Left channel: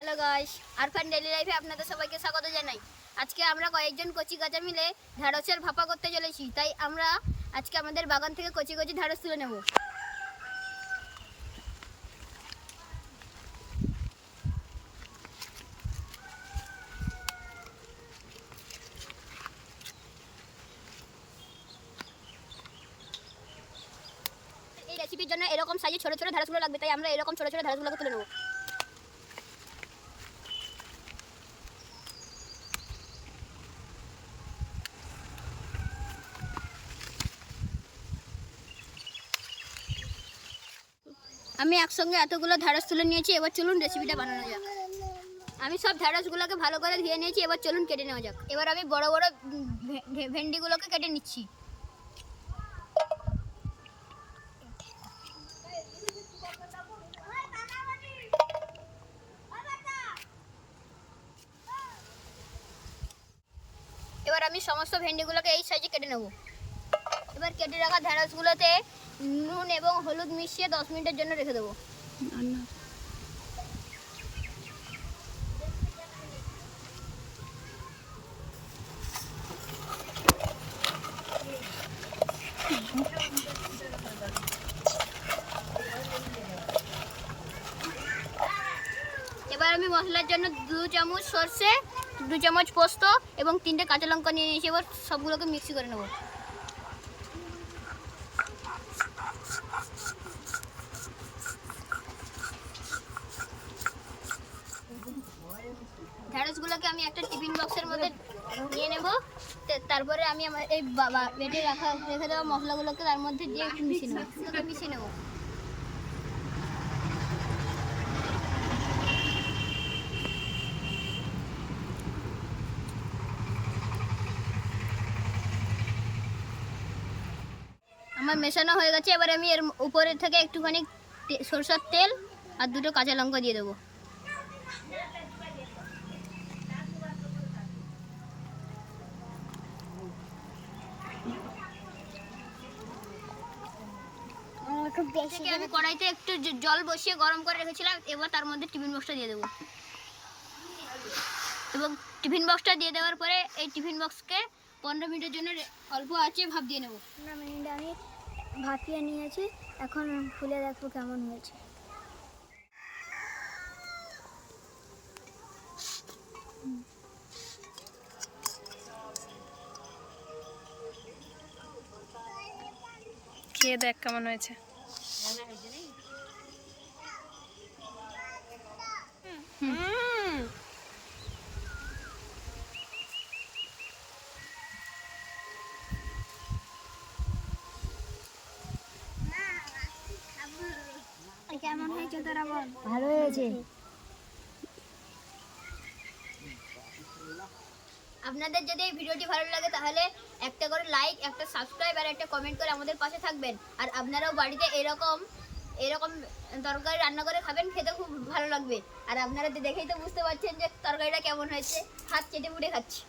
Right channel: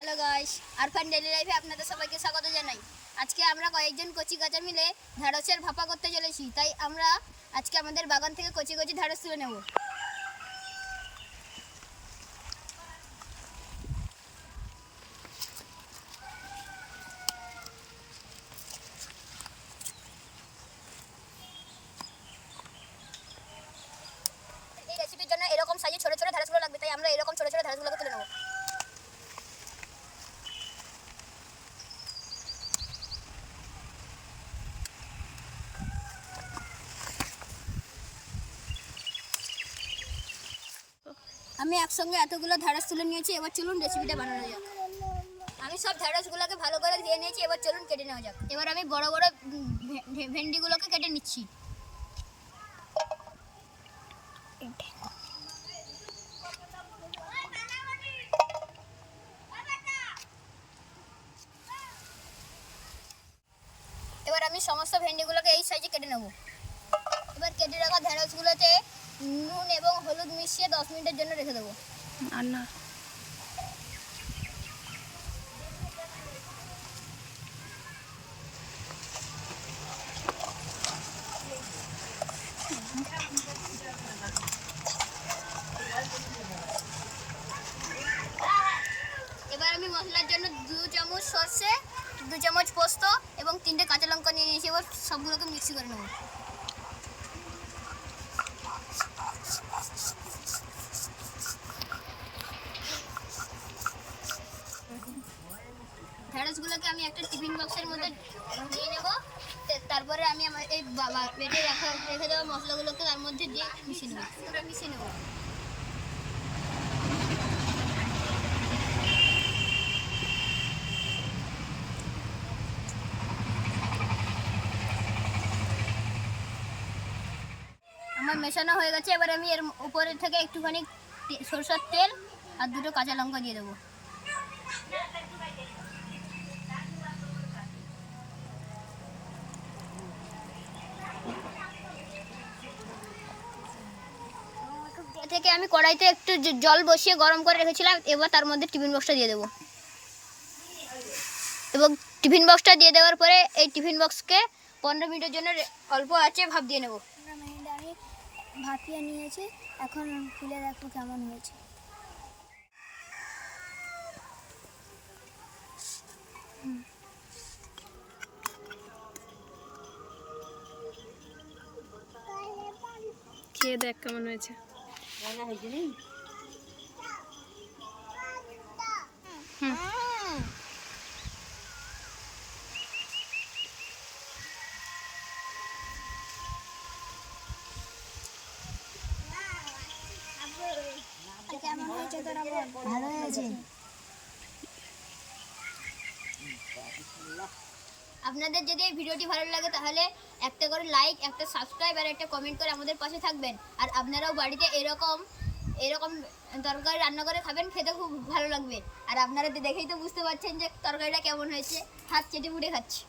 Hello guys, Arfan daily লাইফে আপনাদের সবাইকে স্বাগত জানাই। আজকে আমরা কয়েকজন কচি গাছা মিলে ঢ্যাঁড়সের ভাপা করতে চলেছি। তাই আমরা আজকে আমাদের বাগান থেকে কচি কচি ঢ্যাঁড়স তুলে নেব। এই রেসিপির জন্য এরকম সাইজে ছোট ছোট ঢ্যাঁড়সগুলো লাগবে, তাই আমরা এরকম ছোট ছোট ঢ্যাঁড়সগুলোকে তুলে নেব। আমি একসঙ্গে এতগুলো ঢ্যাঁড়স তুলে নিয়েছি। এবার চলুন রেসিপিটা বানানো যাক। আমি সব ঢ্যাঁড়সগুলোকে ভালো করে ধুয়ে নিয়েছি। এবার চলুন কেটে নেওয়া যাক। এবার আমি বড় বড় ভেন্ডিগুলোকে কেটে নিচ্ছি। এবার আমি সমস্ত ভেন্ডিগুলোকে এই সাইজে কেটে নেব। এবার কেটে রাখা ঢ্যাঁড়সগুলোতে নুন এবং হলুদ মিশিয়ে 10 মিনিটের জন্য রেখে দেবো। আর না এবার আমি মশলার জন্য 2 চামচ সর্ষে, 2 চামচ পোস্ত এবং 3টে কাঁচা লঙ্কা নিয়ে নিয়েছি। এবার সবগুলোকে মিক্সি করে নেব। ঢ্যাঁড়সগুলোকে আমি একটা টিফিন বক্সের মধ্যে নিয়ে নেব। তারপরে আমি আমার এই বেটে রেখে দেওয়া মশলাগুলোকে তার মধ্যে দিয়ে একটু মিশিয়ে নেব। আমার মেশানো হয়ে গেছে। এবার আমি এর উপরে থেকে একটুখানি সরষের তেল আর 2টো কাঁচা লঙ্কা দিয়ে দেবো। থেকে আমি কড়াইতে একটু জল বসিয়ে গরম করে রেখেছিলাম। এবার তার মধ্যে টিফিন বক্সটা দিয়ে দেবো। এবং টিফিন বক্সটা দিয়ে দেওয়ার পরে এই টিফিন বক্সকে 15 মিনিটের জন্য অল্প আঁচে ভাপ দিয়ে নেব। 15 মিনিট আমি ভাপিয়ে নিয়েছি। এখন খুলে দেখবো কেমন হয়েছে। খেয়ে দেখ কেমন হয়েছে। কেমন হয়েছে তোরা বল? ভালো হয়েছে। আপনাদের যদি এই ভিডিওটি ভালো লাগে তাহলে একটা করে লাইক, একটা সাবস্ক্রাইব আর একটা কমেন্ট করে আমাদের পাশে থাকবেন। আর আপনারাও বাড়িতে এরকম তরকারি রান্না করে খাবেন, খেতে খুব ভালো লাগবে। আর আপনারা দেখেই তো বুঝতে পারছেন যে তরকারিটা কেমন হয়েছে। হাত চেটে পুটে খাচ্ছি।